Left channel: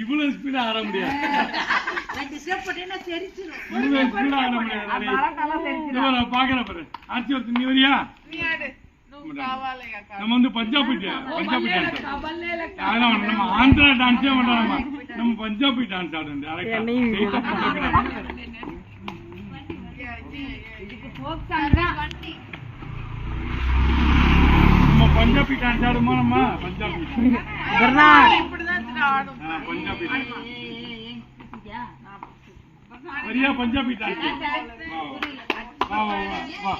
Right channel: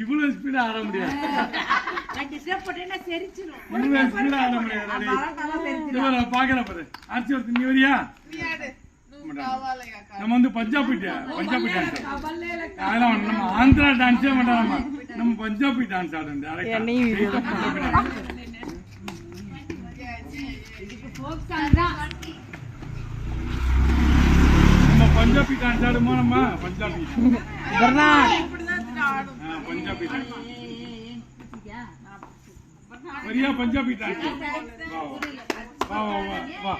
இவ்வளவு ஸ்பீடா ஆட முடியாது. பாக்குற பாரு ஆட்சி ஒருத்தர் நீ வரியா? நம்ம வந்து பஞ்சாபி அதான் நம்ம ஆந்திரா டான்ஸே பண்றாங்க. நம்ம பஞ்சாபி டான்ஸ் ஆடுறோம். நம்ம பஞ்சாபி டான்ஸ் ஆடுமா? நம்ம பஞ்சாபி பஞ்சாபி டான்ஸ் வரியா? பஞ்சாபி டான்ஸ் வா வா வா.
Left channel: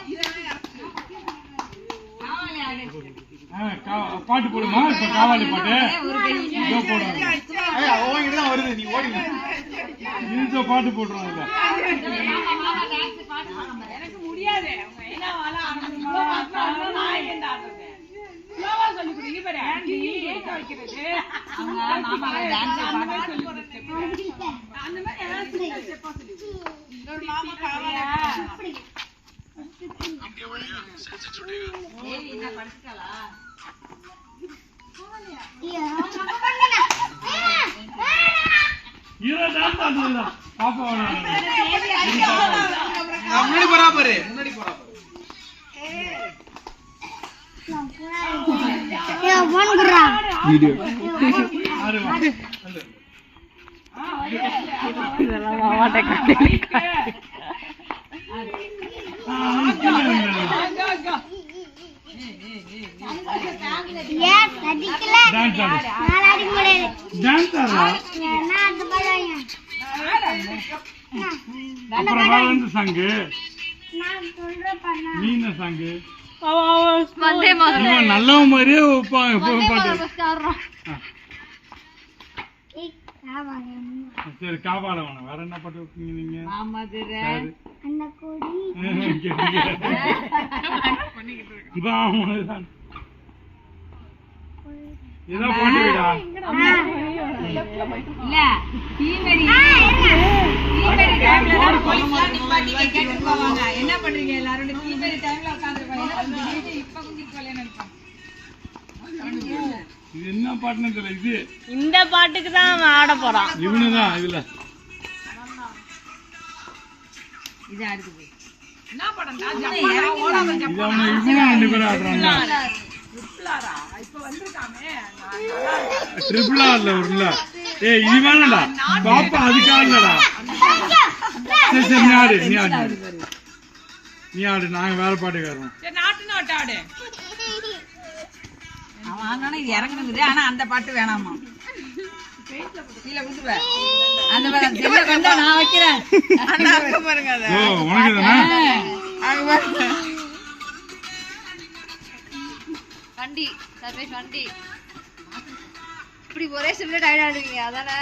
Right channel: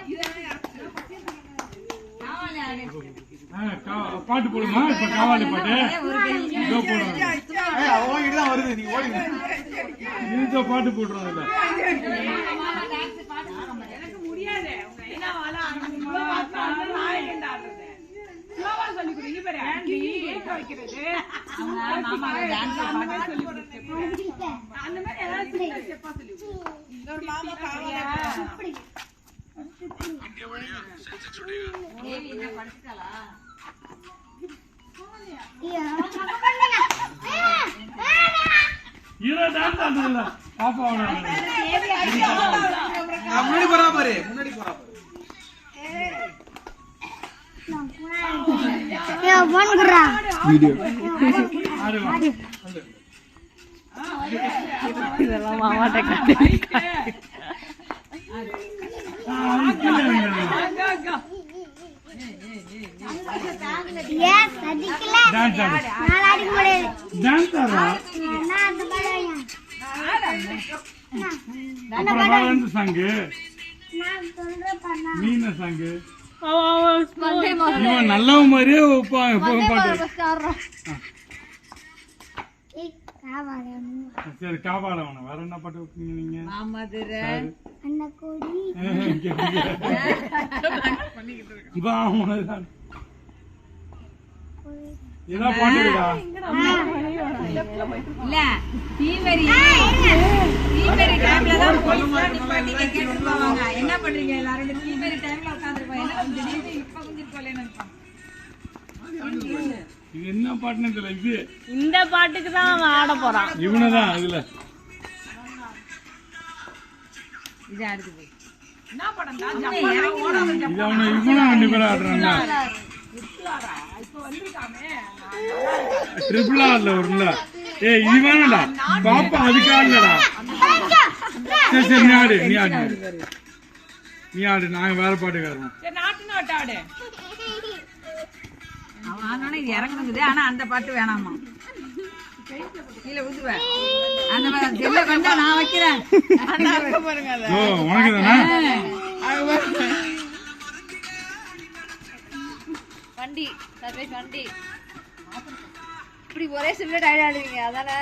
பாட்டு போடுமா? இப்ப காவாலி பாட்டு வருது. நீ ஓடி நீங்க பாட்டு போட்டுருவாங்க. பாப்பா முன்னாடி போறா பாரு. முன்னாடி போறா சாங்கு மீன சாங்கு நல்ல மாதிரியே பாட்டு. சரி காவால வேணும். வேற என்ன பாட்டு வைப்பீங்க நீங்க? இதான் பாட்டுடா. இல்ல தீவரி டைம்ல தான் போலீஸ்லாம் நிப்பாட்டி கேட்டு போவாங்க. என்ன பண்றீங்க எல்லாரும்? தீவரி டைம்ல உட்கார்ந்திருப்பாங்க. இப்ப கொஞ்சம் போலன்னு நினைப்பாங்க. இது என்ன பாட்டுன்னு தெரியல. இது இந்த பாட்டுக்கு தான் ஆட போறான். இவனுதான் இதுல இது அடுத்து போய் என்ன படம் இது அவனை இவனும் 2 பேரும் ஆடுறாங்க. ட்ரிபிள் ஆர்ல வரும்ல. ஏய் இது வேணடா பாப்பா, அதுக்கு ஆடலடா. சரி சரி நீ ஆடு, நீ ஆடு, நீ ஆடு. நாங்க வேற பாட்டுக்காரன். நாட்டுன்னு வட்ட ஆடு. வாங்கினா இது இறங்கணுங்குது. ஆனா அந்த பாட்டு வேணாமா? கீழே விழுந்துருவ. அந்த செல்ல கொண்டா நான் வைக்கிறேன். வண்டி சர்வீஸ் வண்டி இப்படி ஒரே சிம்ல டயர்ட் ஆடுவீங்க அதானே?